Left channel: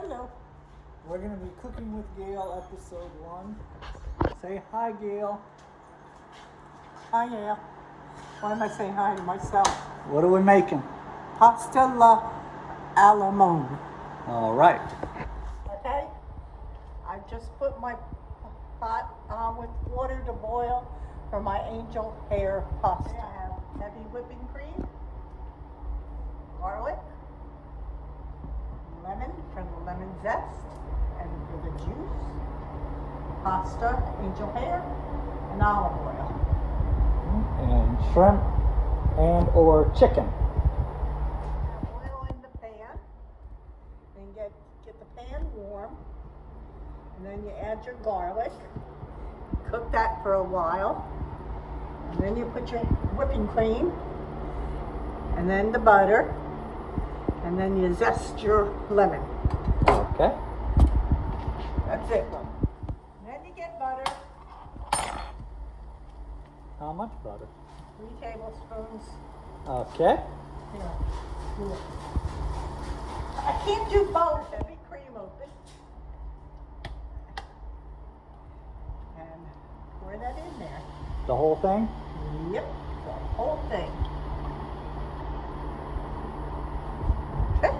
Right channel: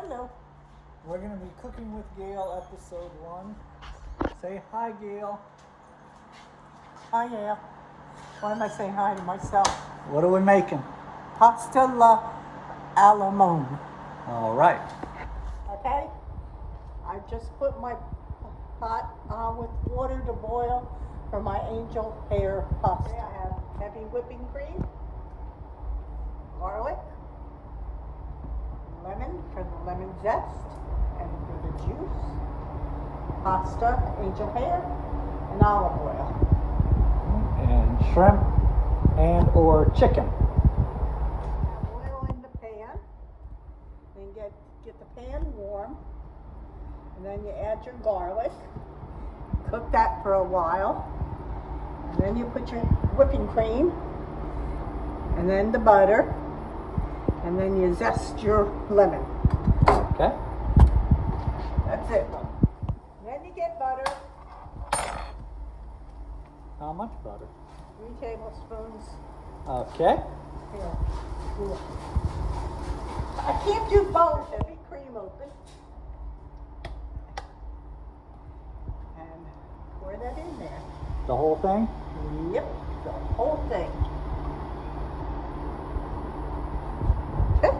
Hello. We're going to be cooking with Gail, episode 1. Say hi, Gail. Hi, Gail. Why am I saying hi to myself? What are we making? Pasta alla limone. All right. Okay? I just put my pot with water to boil for my angel hair pasta. I have heavy whipping cream, garlic, lemon for the lemon zest and for the juice, pasta, angel hair, and olive oil. And shrimp and or chicken. Oil in the pan, and get the pan warm, and then you add your garlic, cook that for a while, and then you put your whipping cream, and then the butter, and then you zest your lemon. Okay. That's it. Then you get butter. How much butter? 3 tablespoons. Okay. Here. I can't do both. Heavy cream open. And pour that in there. The whole thing? Yep, the whole thing. Okay.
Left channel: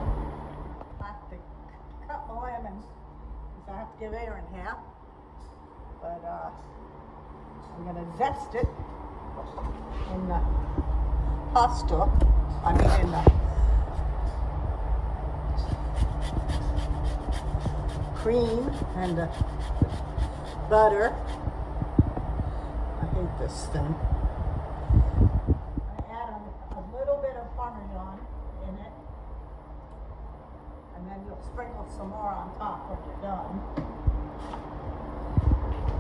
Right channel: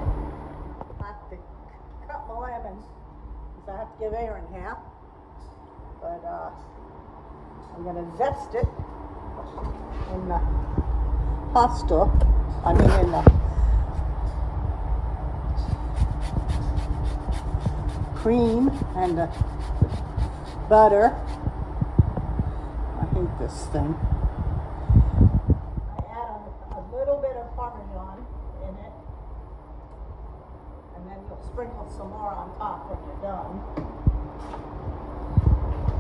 I have to cut my lemon because I have to give air in half. But I'm going to zest it in the pasta. I mean in the cream and the butter. I hate this thing. I add a little bit of Parmesan in it, and then you'll sprinkle some more on top when you're done.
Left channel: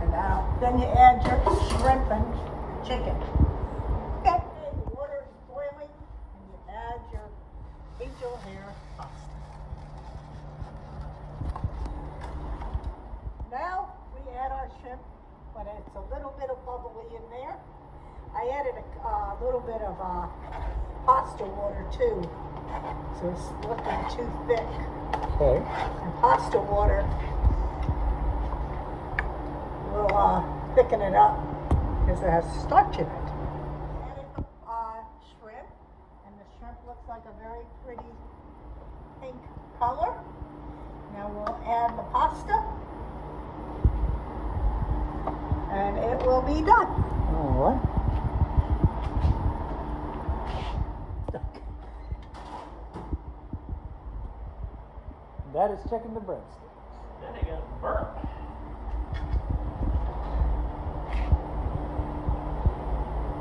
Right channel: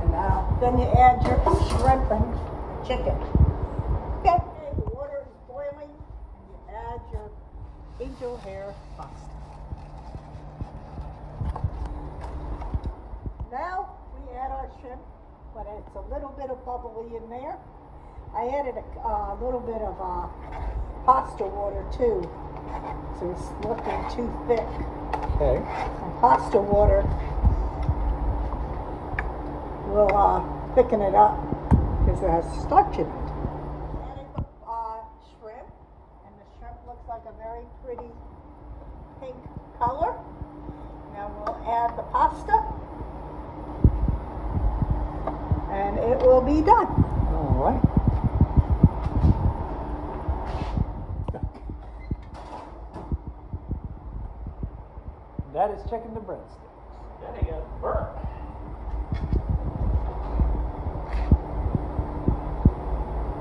And now, then you add your shrimp and chicken. Okay, the water is boiling, and you add your angel hair pasta. Now we add our shrimp, but it's a little bit of bubbly in there. I added a little bit of pasta water too, so it's looking too thick. Okay. And pasta water will thicken it up because it has starch in it. Added the shrimp, and the shrimp looks like a very pretty pink color. Now we'll add the pasta, and it will be done. All right. That is chicken to breadsticks. Then it got burnt.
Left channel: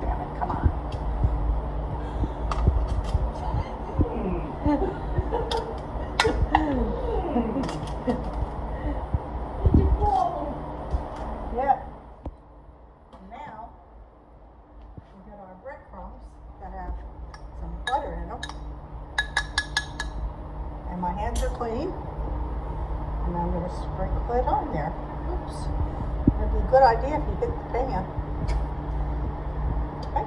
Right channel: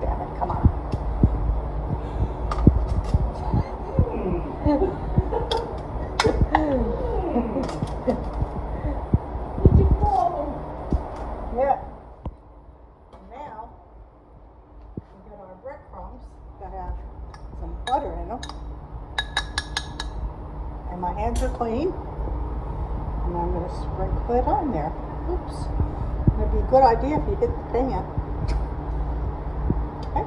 Damn it, come on. Yeah. Now, we got our breadcrumbs that have some butter in them. And my hands are clean. And I'm going to sprinkle it on there. Oops. It'd be a good idea if you hit the pan. Okay.